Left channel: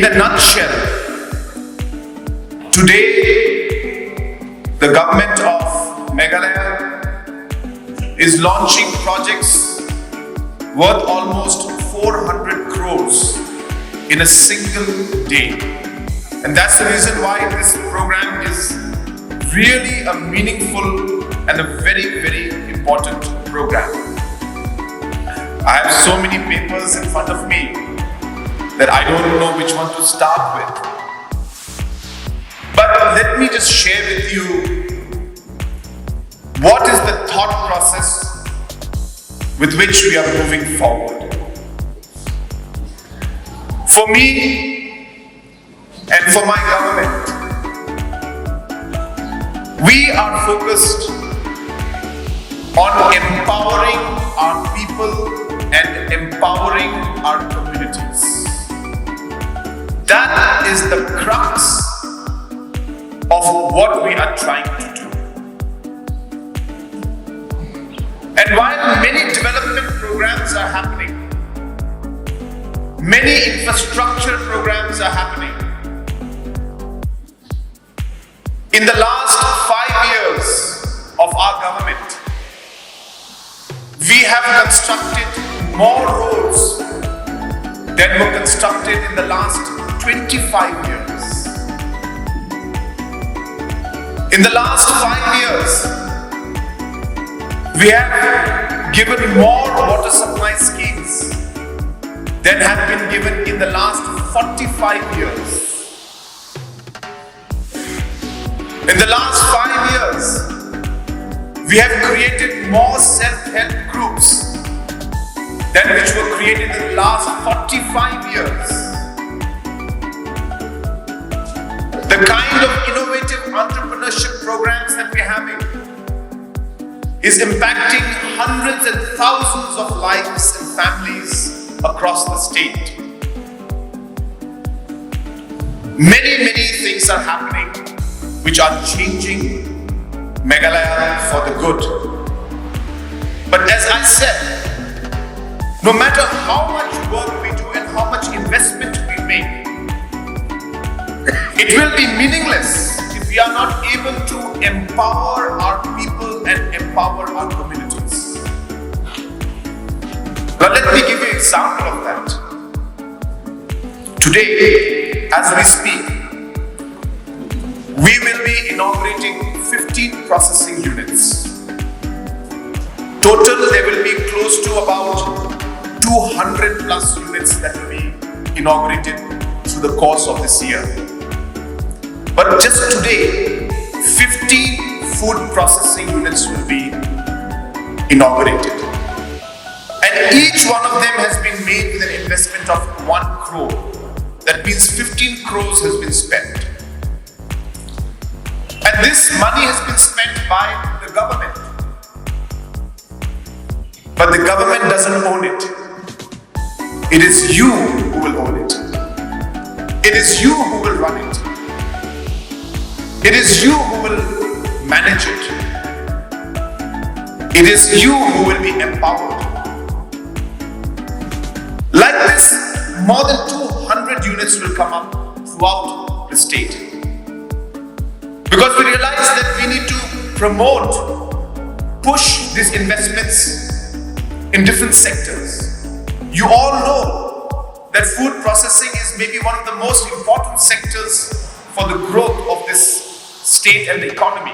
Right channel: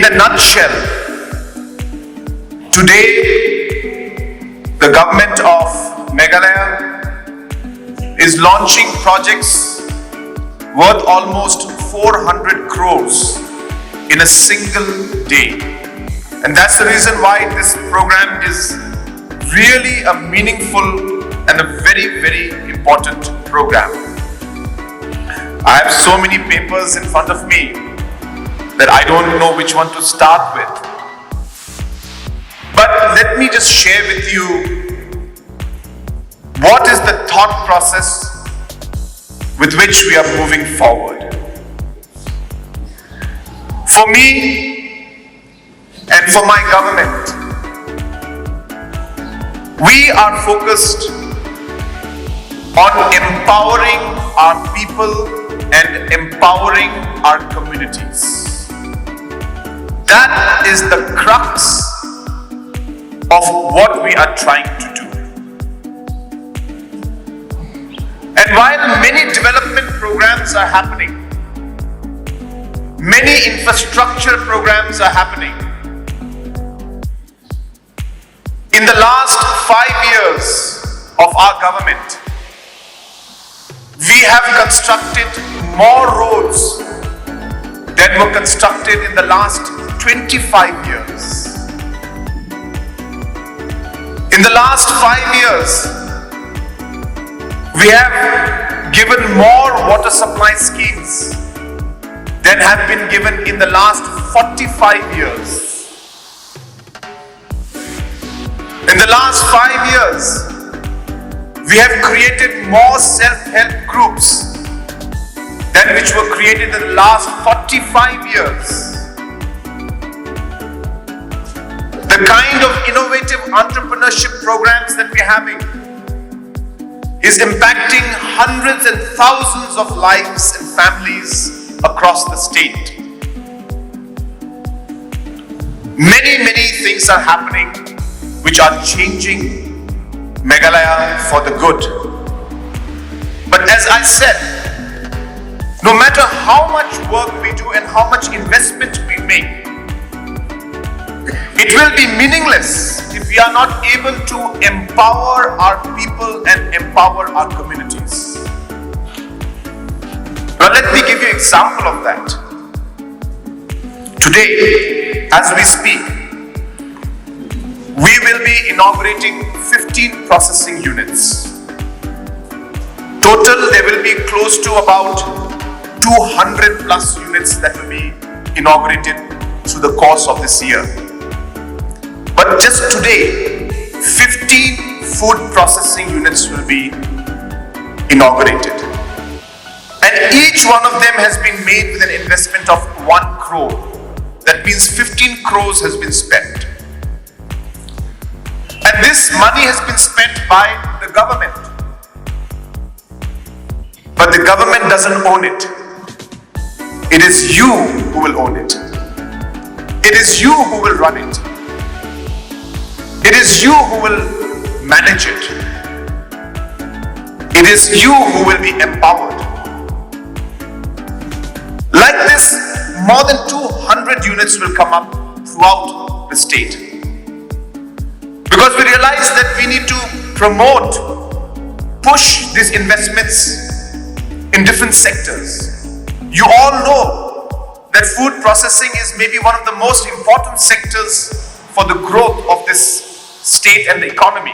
In a nutshell, today the government of Meghalaya is launching projects worth almost 400 crores in a single day. And that's the reason why this program is really a meaningful and a very, very important program. I have so many papers in front of me that I don't know which one to start with. But let me just share with you what is the thought process with which we are moving forward. For me and for my government, we are focused on empowering our people and empowering our communities. That is the crux of what we are trying to do. And while many development programs are happening, many infrastructure programs are happening, in the last 5 years of our government, we have constructed more roads than were constructed in the last 25 years. In the last 5 years, we have given more water supply schemes than have been given in the last 45 years. In the last 5 years, we have created more self-help groups than which were created in the last 45 years. The kind of innovative entrepreneurship programs that we're having is impacting hundreds and thousands of lives and families across the state. Many, many things are happening which are changing Meghalaya for the good. But as I said, no matter how much work we do and how much investment we make, it will be meaningless if we are not able to empower our people and empower our communities. Now let me give you an example of that. Today, as we speak, we will be inaugurating 15 processing units. Total, there will be close to about 200 plus units that will be inaugurated through the course of this year. But just today, 15 food processing units will be inaugurated. And each one of them has been made with an investment of 1 crore. That means 15 crores has been spent. And this money has been spent by the government. But the government doesn't own it. It is you who will own it. It is you who will run it. It is you who will manage it. It is you who will be empowered. Like this, more than 200 units will come up throughout the state. Because we realize that we need to promote, push these investments in different sectors. You all know that food processing is maybe one of the most important sectors for the growth of this state and the economy,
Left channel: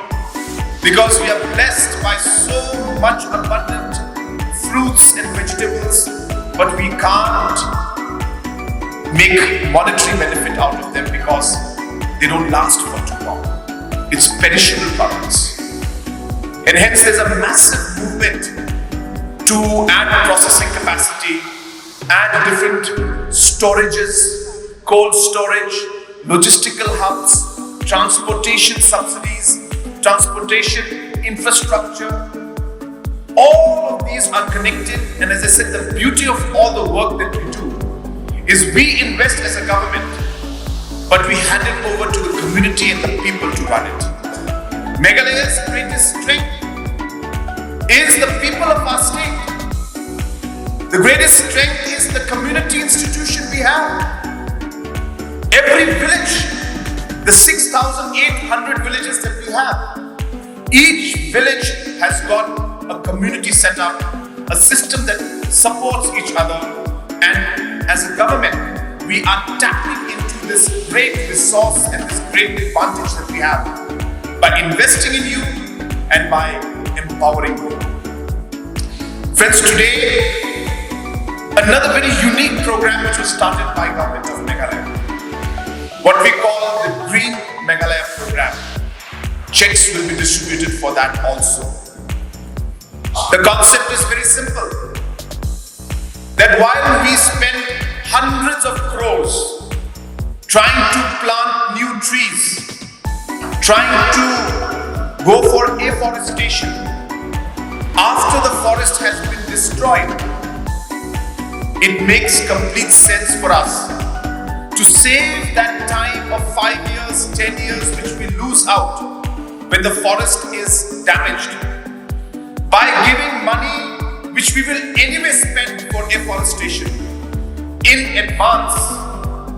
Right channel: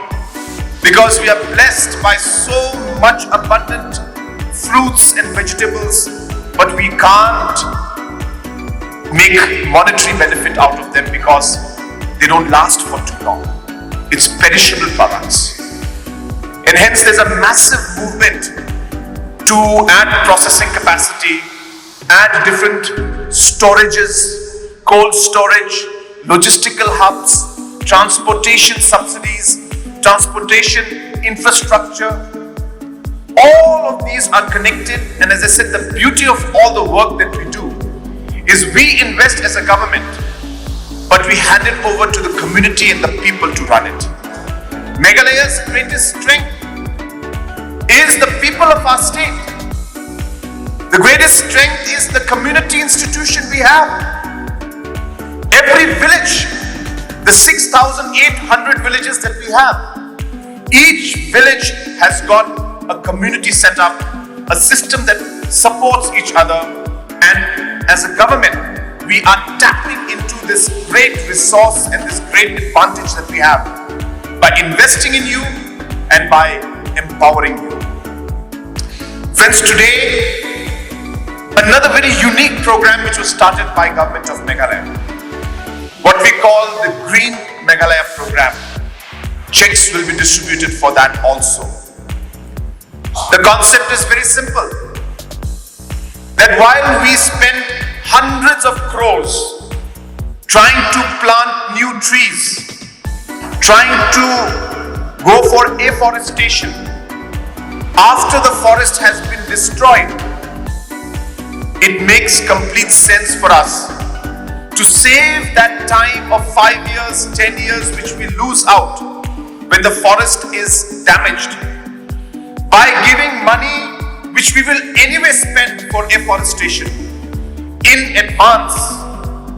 because we are blessed by so much abundant fruits and vegetables, but we can't make monetary benefit out of them because they don't last for too long. It's perishable products. And hence there's a massive movement to add processing capacity, add different storages, cold storage, logistical hubs, transportation subsidies, transportation infrastructure. All of these are connected, and as I said, the beauty of all the work that we do is we invest as a government, but we hand it over to the community and the people to run it. Meghalaya's greatest strength is the people of our state. The greatest strength is the community institution we have. every village, the 6,800 villages that we have, each village has got a community set up, a system that supports each other, and as a government, we are tapping into this great resource and this great advantage that we have by investing in you and by empowering you. Friends, today, another very unique program which was started by Government of Meghalaya, what we call the Green Meghalaya program. Cheques will be distributed for that also. The concept is very simple, that while we spend hundreds of crores trying to plant new trees, trying to go for afforestation, after the forest has been destroyed, it makes complete sense for us to save that time of 5 years, 10 years which we lose out when the forest is damaged, by giving money which we will anyway spend for afforestation in advance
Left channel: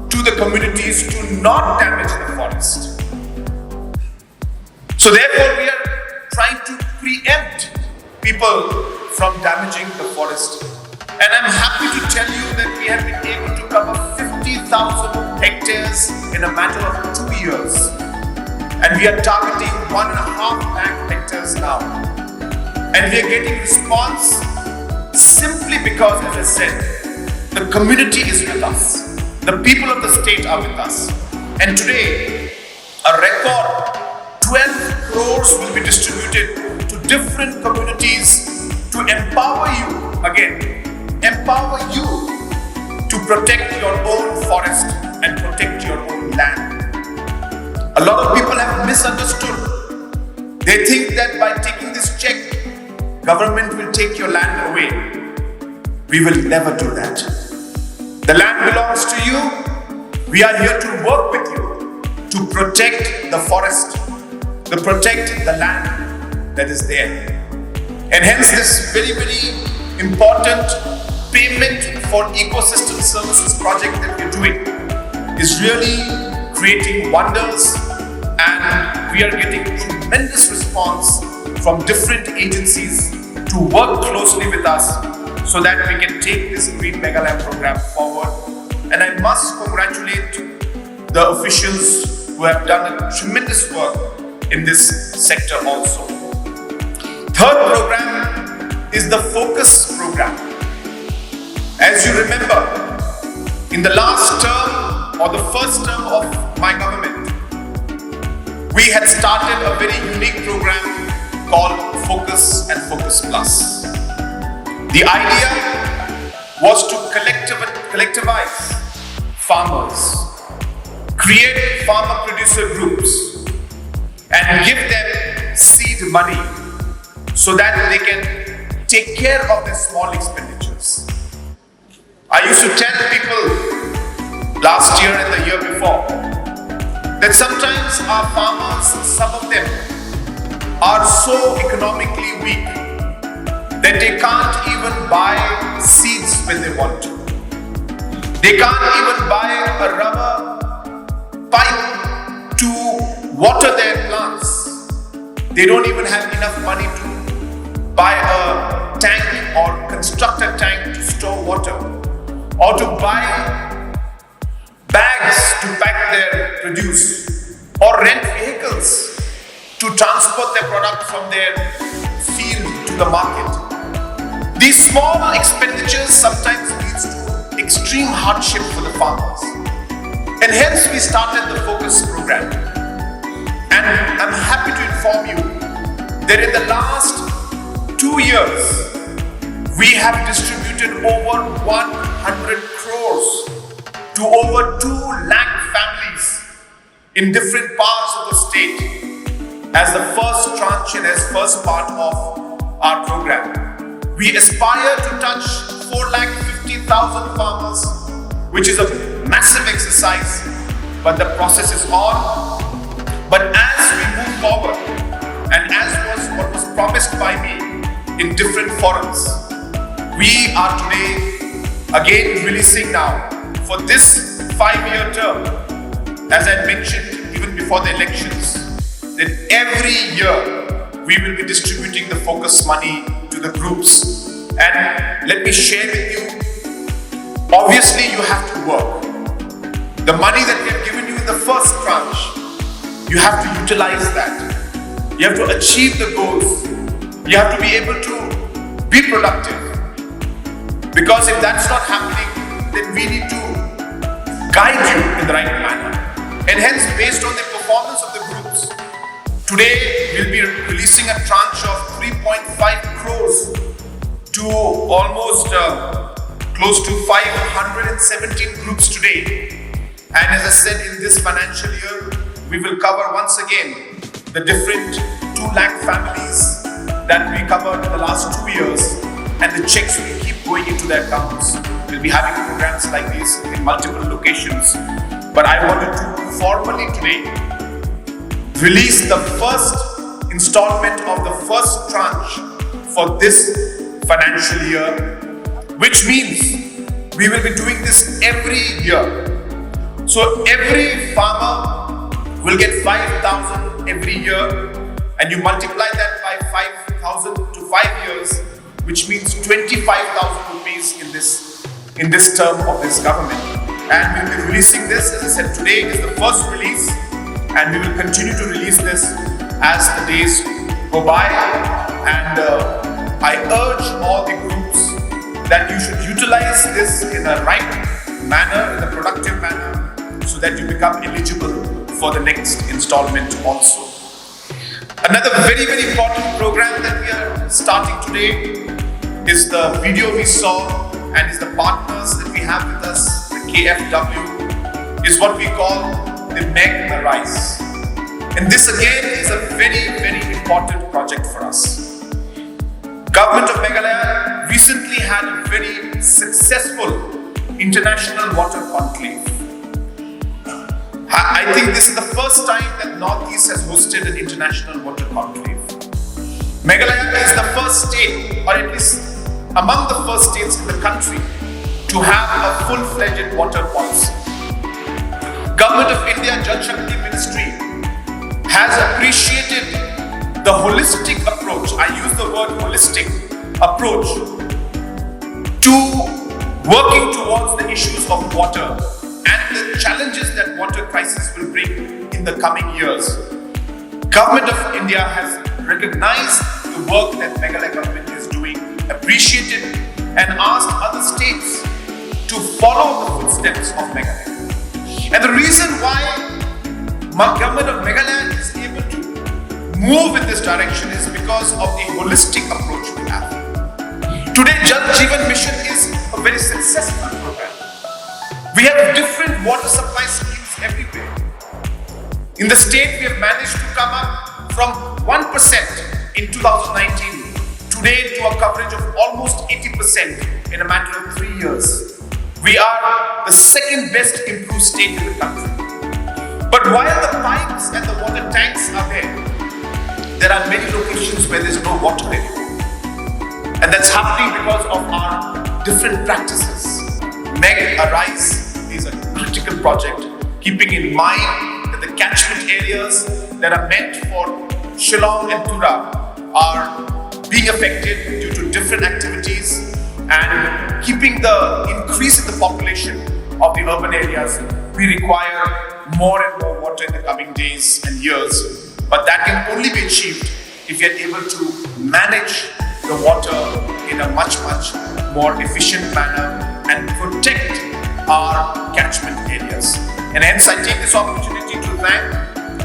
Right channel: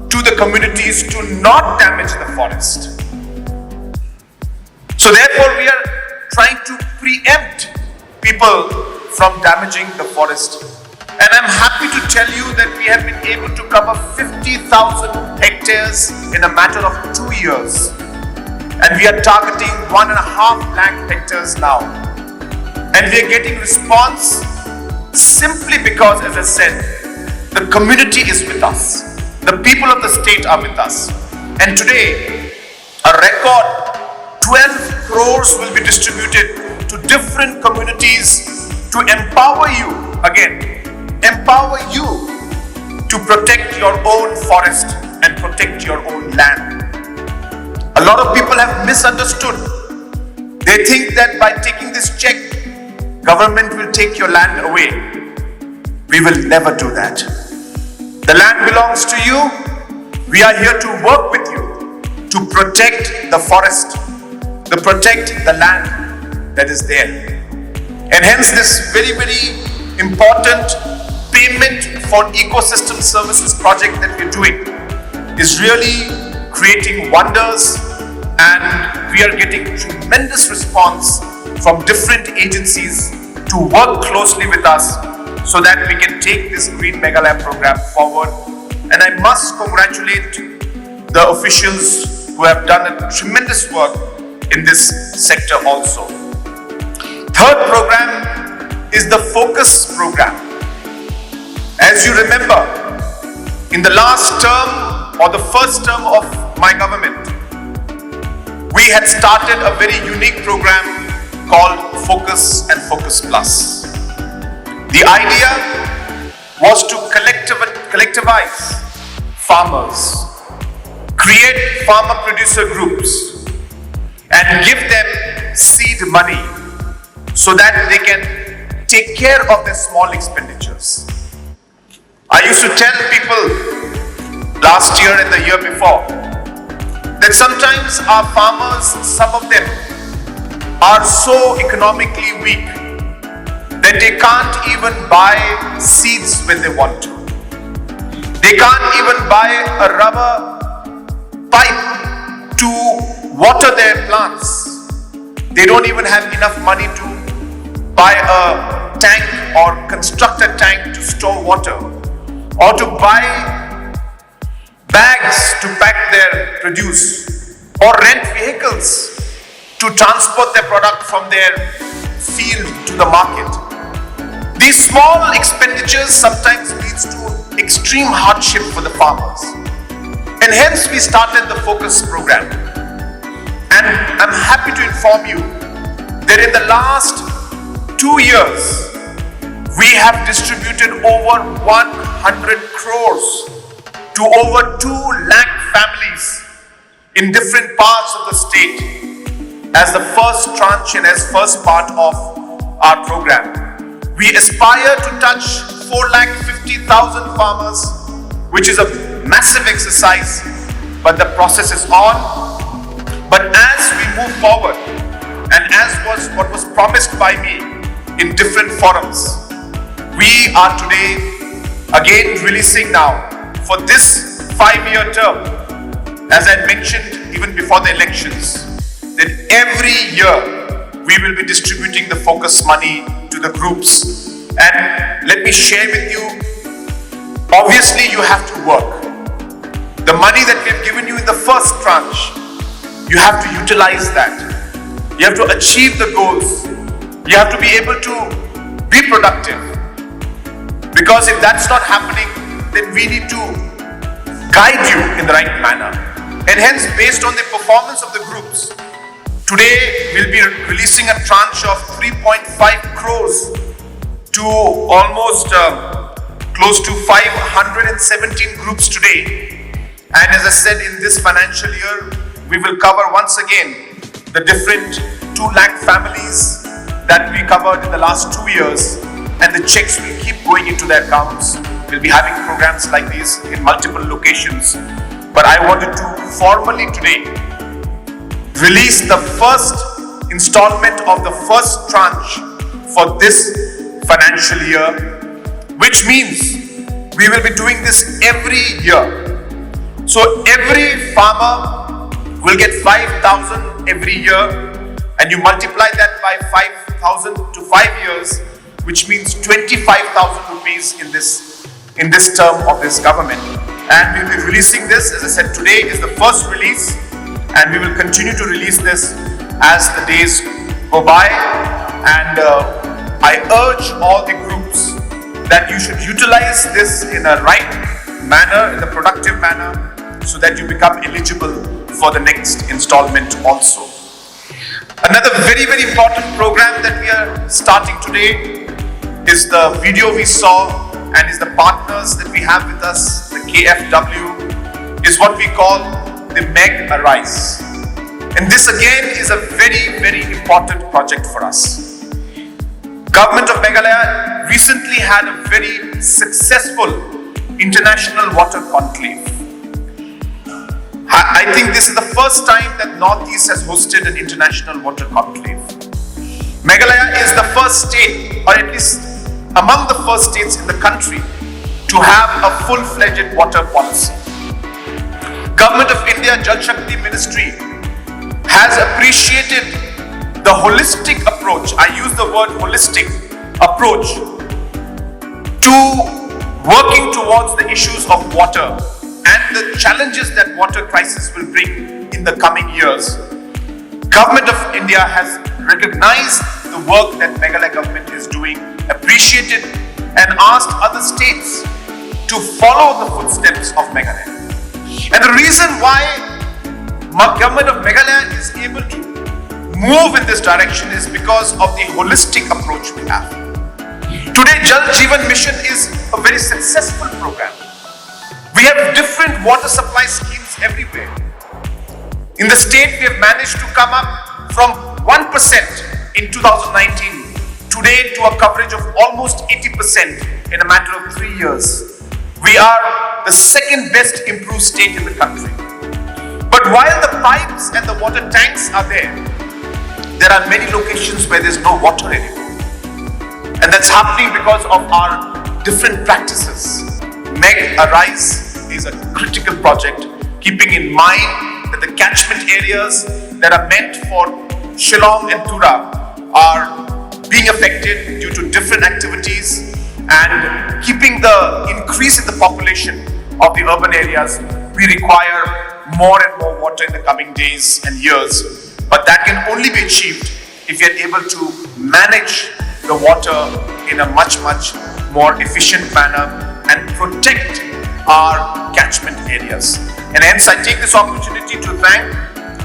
to the communities to not damage the forest. So therefore we are trying to preempt people from damaging the forest. And I'm happy to tell you that we have been able to cover 50,000 hectares in a matter of 2 years. And we are targeting 1.5 lakh hectares now. And we are getting response simply because, as I said, the community is with us. The people of the state are with us. And today, a record 12 crores will be distributed to different communities to empower you, again, empower you to protect your own forest and protect your own land. A lot of people have misunderstood. They think that by taking this check, government will take your land away. We will never do that. The land belongs to you. We are here to work with you to protect the forest, to protect the land that is there. And hence this very, very important payment for ecosystem services project that we're doing is really creating wonders, and we are getting tremendous response from different agencies to work closely with us so that we can take this Green Meghalaya program forward. And I must congratulate the officials who have done a tremendous work in this sector also. Third program is the FOCUS program. As you remember, in the last term or the first term of my government, we had started a very unique program called FOCUS and FOCUS Plus. The idea was to collectivize farmers, create farmer-producer groups, and give them seed money so that they can take care of their small expenditures. I used to tell people last year and the year before that sometimes our farmers, some of them, are so economically weak that they can't even buy seeds when they want to. They can't even buy a rubber pipe to water their plants. They don't even have enough money to buy a tank or construct a tank to store water, or to buy bags to pack their produce, or rent vehicles to transport their product from their field to the market. These small expenditures sometimes leads to extreme hardship for the farmers. And hence we started the FOCUS program. And I'm happy to inform you that in the last 2 years, we have distributed over 100 crores to over 2 lakh families in different parts of the state as the first tranche and as first part of our program. We aspire to touch 450,000 farmers, which is a massive exercise, but the process is on. But as we move forward, and as was what was promised by me in different forums, we are today again releasing now for this 5-year term as I mentioned even before the elections, that every year we will be distributing the focus money to the groups. And let me share with you, obviously you have to work. The money that we have given you in the first tranche, you have to utilize that. You have to achieve the goals. You have to be able to be productive. Because if that's not happening, then we need to guide you in the right manner. And hence, based on the performance of the groups, today we'll be releasing a tranche of 3.5 crores to almost close to 517 groups today. And as I said, in this financial year, we will cover once again the different 2 lakh families that we covered in the last 2 years, and the checks will keep going into their accounts. We'll be having programs like these in multiple locations. But I wanted to formally today release the first installment of the first tranche for this financial year, which means we will be doing this every year. So every farmer will get 5,000 every year, and you multiply that by 5,000 to 5 years, which means 25,000 rupees in this term of this government. And we'll be releasing this, as I said, today is the first release, and we will continue to release this as the days go by. And I urge all the groups that you should utilize this in a right manner, in a productive manner, so that you become eligible for the next installment also. Another very, very important program that we are starting today is the video we saw, and is the partners that we have with us, the KFW, is what we call the MegARISE. And this again is a very, very important project for us. Government of Meghalaya recently had a very successful international water conclave. I think this is the first time that Northeast has hosted an international water conclave. Meghalaya is the first state, or at least among the first states in the country, to have a full-fledged water policy. Government of India Jal Shakti Ministry has appreciated the holistic approach, I use the word holistic approach, to working towards the issues of water and the challenges that water crisis will bring in the coming years. Government of India has recognized the work that Meghalaya government is doing, appreciated, and asked other states to follow the footsteps of Meghalaya. And the reason why government of Meghalaya is able to move in this direction is because of the holistic approach we have. Today, Jal Jeevan Mission is a very successful program. We have different water supply schemes everywhere. In the state, we have managed to come up from 1% in 2019 today to a coverage of almost 80% in a matter of 3 years. We are the second best improved state in the country. But while the pipes and the water tanks are there are many locations where there is no water anymore. And that's happening because of our different practices. MegARISE is a critical project, keeping in mind that the catchment areas that are meant for Shillong and Tura are being affected due to different activities, and keeping the increase in the population of the urban areas, we require more and more water in the coming days and years. But that can only be achieved if we are able to manage the water in a much more efficient manner and protect our catchment areas. And hence I take this opportunity to thank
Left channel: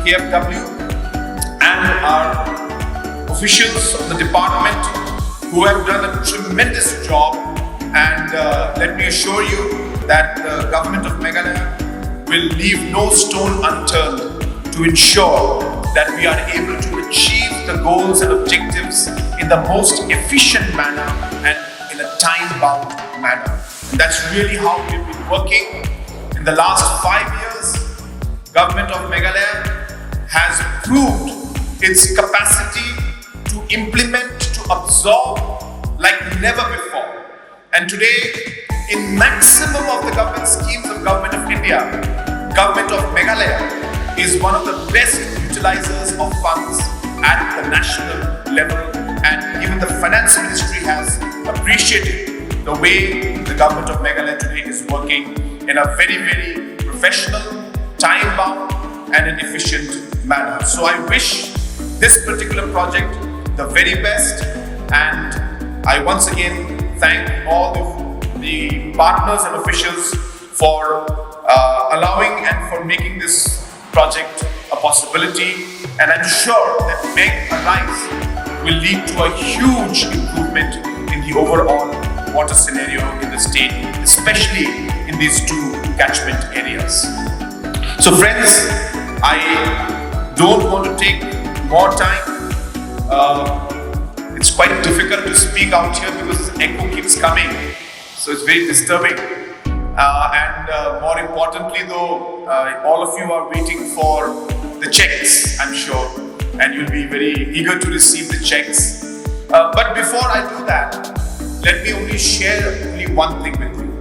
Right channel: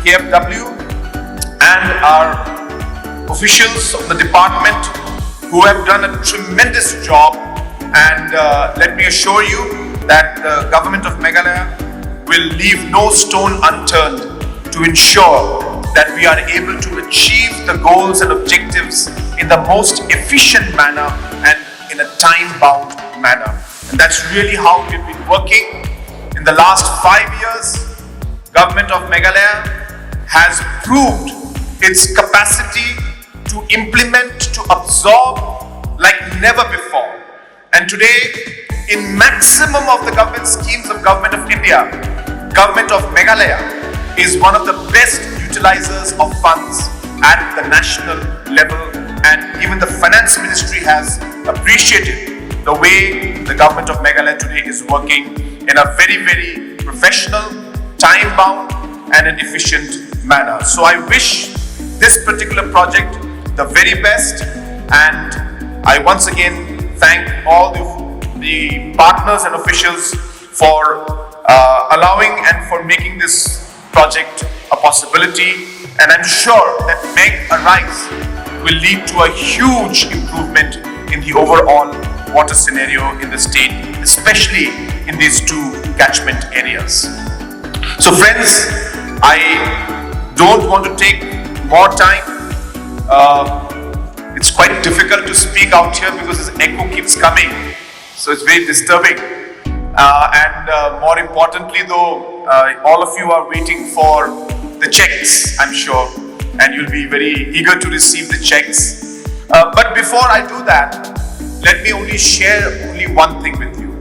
KFW and our officials of the department who have done a tremendous job. And let me assure you that the government of Meghalaya will leave no stone unturned to ensure that we are able to achieve the goals and objectives in the most efficient manner and in a time-bound manner. And that's really how we've been working. In the last 5 years, government of Meghalaya has proved its capacity to implement, to absorb like never before. And today, in maximum of the government schemes of Government of India, government of Meghalaya is one of the best utilizers of funds at the national level, and even the finance ministry has appreciated the way the government of Meghalaya today is working in a very, very professional, time-bound and an efficient manner. So I wish this particular project the very best, and I once again thank all the partners and officials for allowing and for making this project a possibility. And I'm sure that MegARISE will lead to a huge improvement in the overall water scenario in the state, especially in these two catchment areas. So friends, I don't want to take more time. It's quite difficult to speak out here because this echo keeps coming, so it's very disturbing. And more importantly though, all of you are waiting for the checks, I'm sure, and you'll be very eager to receive the checks. But before I do that, let me only share one thing with you.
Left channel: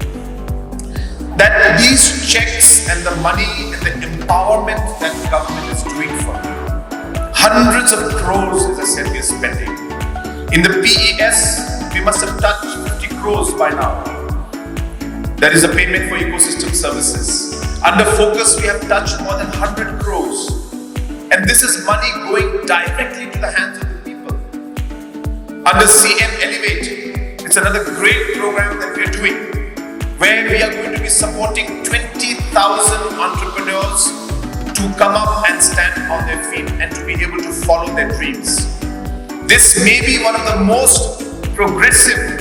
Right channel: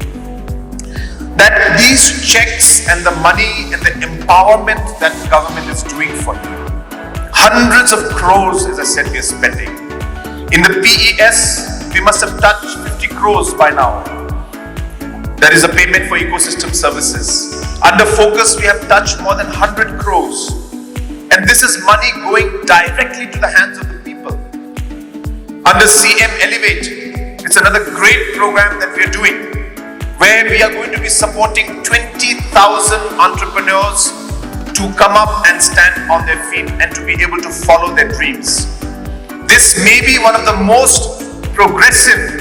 That these checks and the money and the empowerment that the government is doing for you, hundreds of crores, as I said, we are spending. In the PES, we must have touched 50 crores by now. That is a payment for ecosystem services. Under FOCUS, we have touched more than 100 crores. And this is money going directly to the hands of the people. Under CM Elevate, it's another great program that we are doing, where we are going to be supporting 20,000 entrepreneurs to come up and stand on their feet and to be able to follow their dreams. This may be one of the most progressive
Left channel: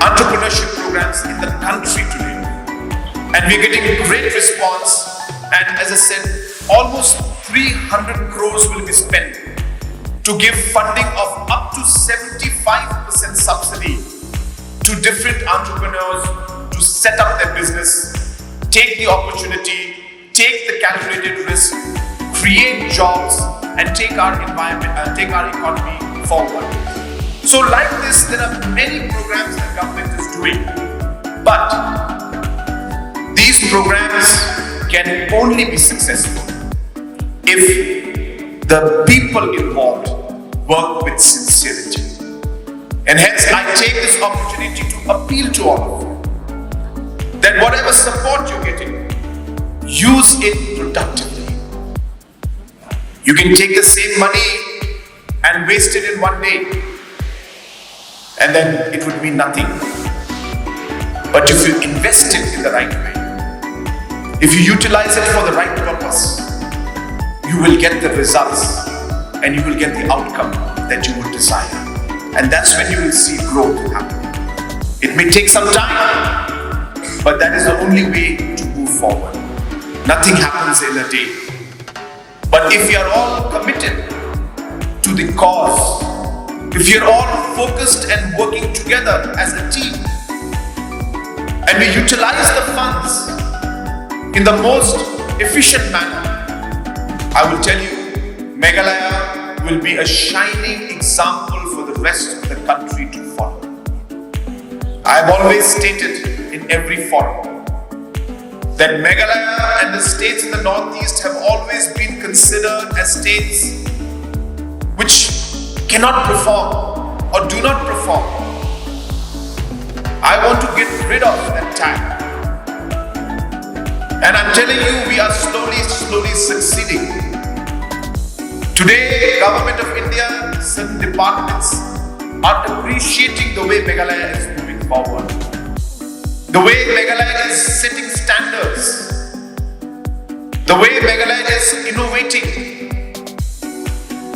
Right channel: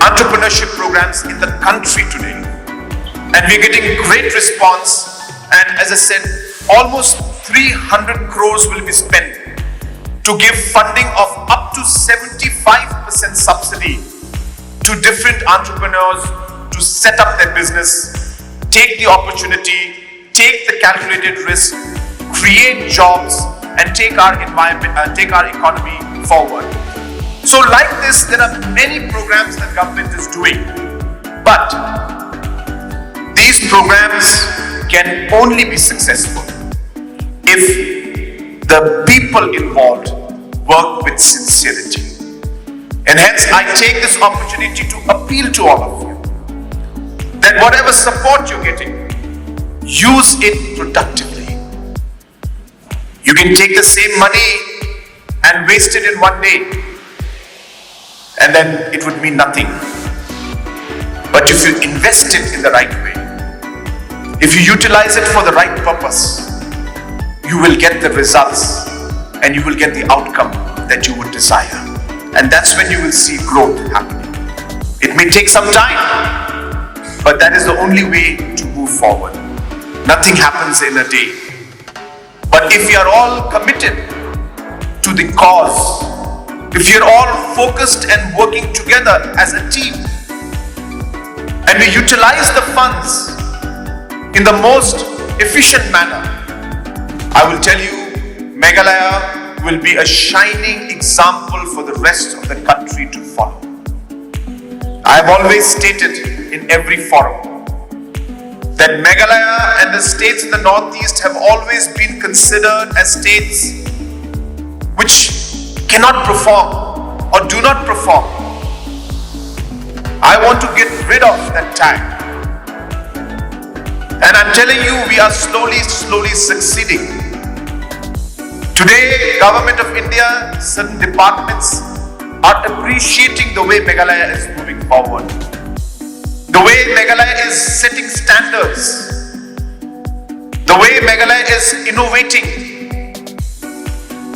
entrepreneurship programs in the country today. And we're getting a great response. And as I said, almost 300 crores will be spent to give funding of up to 75% subsidy to different entrepreneurs to set up their business, take the opportunity, take the calculated risk, create jobs, and take our environment, take our economy forward. So like this, there are many programs that government is doing, but these programs can only be successful if the people involved work with sincerity. And hence I take this opportunity to appeal to all of you that whatever support you're getting, use it productively. You can take the same money and waste it in one day, and then it would mean nothing. But if you invest it in the right way, if you utilize it for the right purpose, you will get the results and you will get the outcome that you would desire. And that's when you will see growth happening. It may take some time, but that is the only way to move forward. Nothing happens in a day. But if we are all committed to the cause, if you're all focused and working together as a team, and we utilize the funds in the most efficient manner, I will tell you, Meghalaya will be a shining example for the rest of the country to follow. I have always stated in every forum that Meghalaya and the states in the Northeast have always been considered as states which cannot perform or do not perform. I want to get rid of that tag. And I'm telling you, we are slowly succeeding. Today, Government of India, certain departments are appreciating the way Meghalaya is moving forward. The way Meghalaya is setting standards. The way Meghalaya is innovating.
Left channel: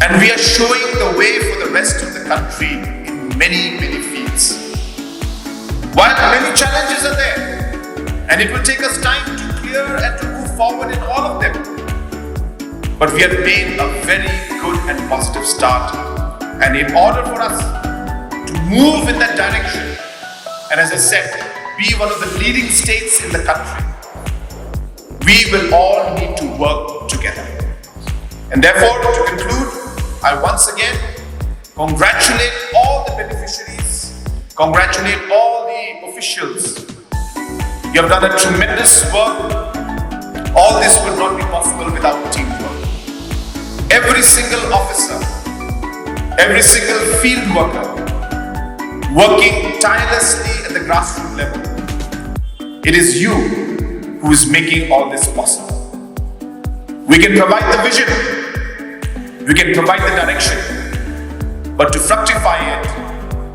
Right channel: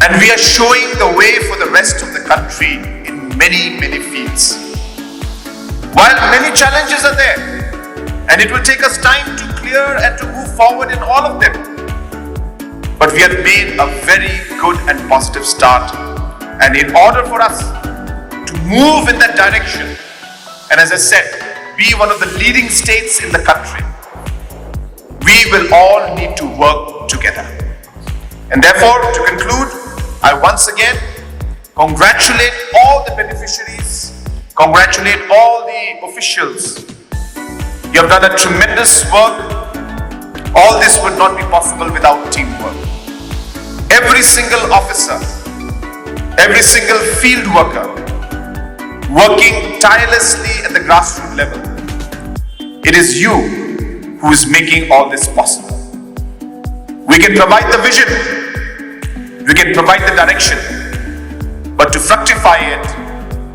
And we are showing the way for the rest of the country in many fields. While many challenges are there, and it will take us time to clear and to move forward in all of them, but we have made a very good and positive start. And in order for us to move in that direction, and as I said, be one of the leading states in the country, we will all need to work together. And therefore, to conclude, I once again congratulate all the beneficiaries, congratulate all the officials. You have done a tremendous work All this would not be possible without teamwork. Every single officer, every single field worker, working tirelessly at the grassroots level. It is you who is making all this possible. We can provide the vision, we can provide the direction, but to fructify it,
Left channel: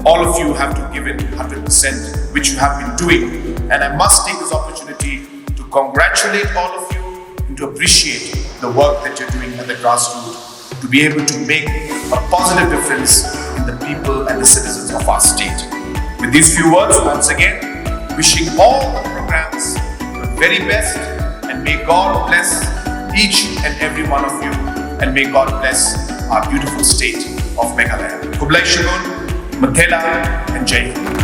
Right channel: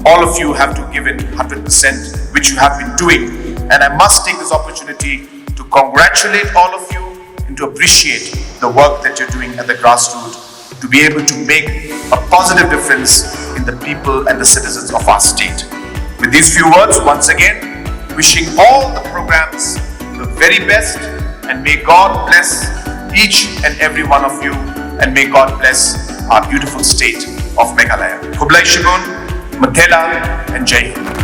all of you have to give it 100%, which you have been doing. And I must take this opportunity to congratulate all of you and to appreciate the work that you're doing at the grassroots to be able to make a positive difference in the people and the citizens of our state. With these few words, once again, wishing all the programs the very best, and may God bless each and every one of you, and may God bless our beautiful state of Meghalaya. Kublai Shigun, Mathela and Jai Hind.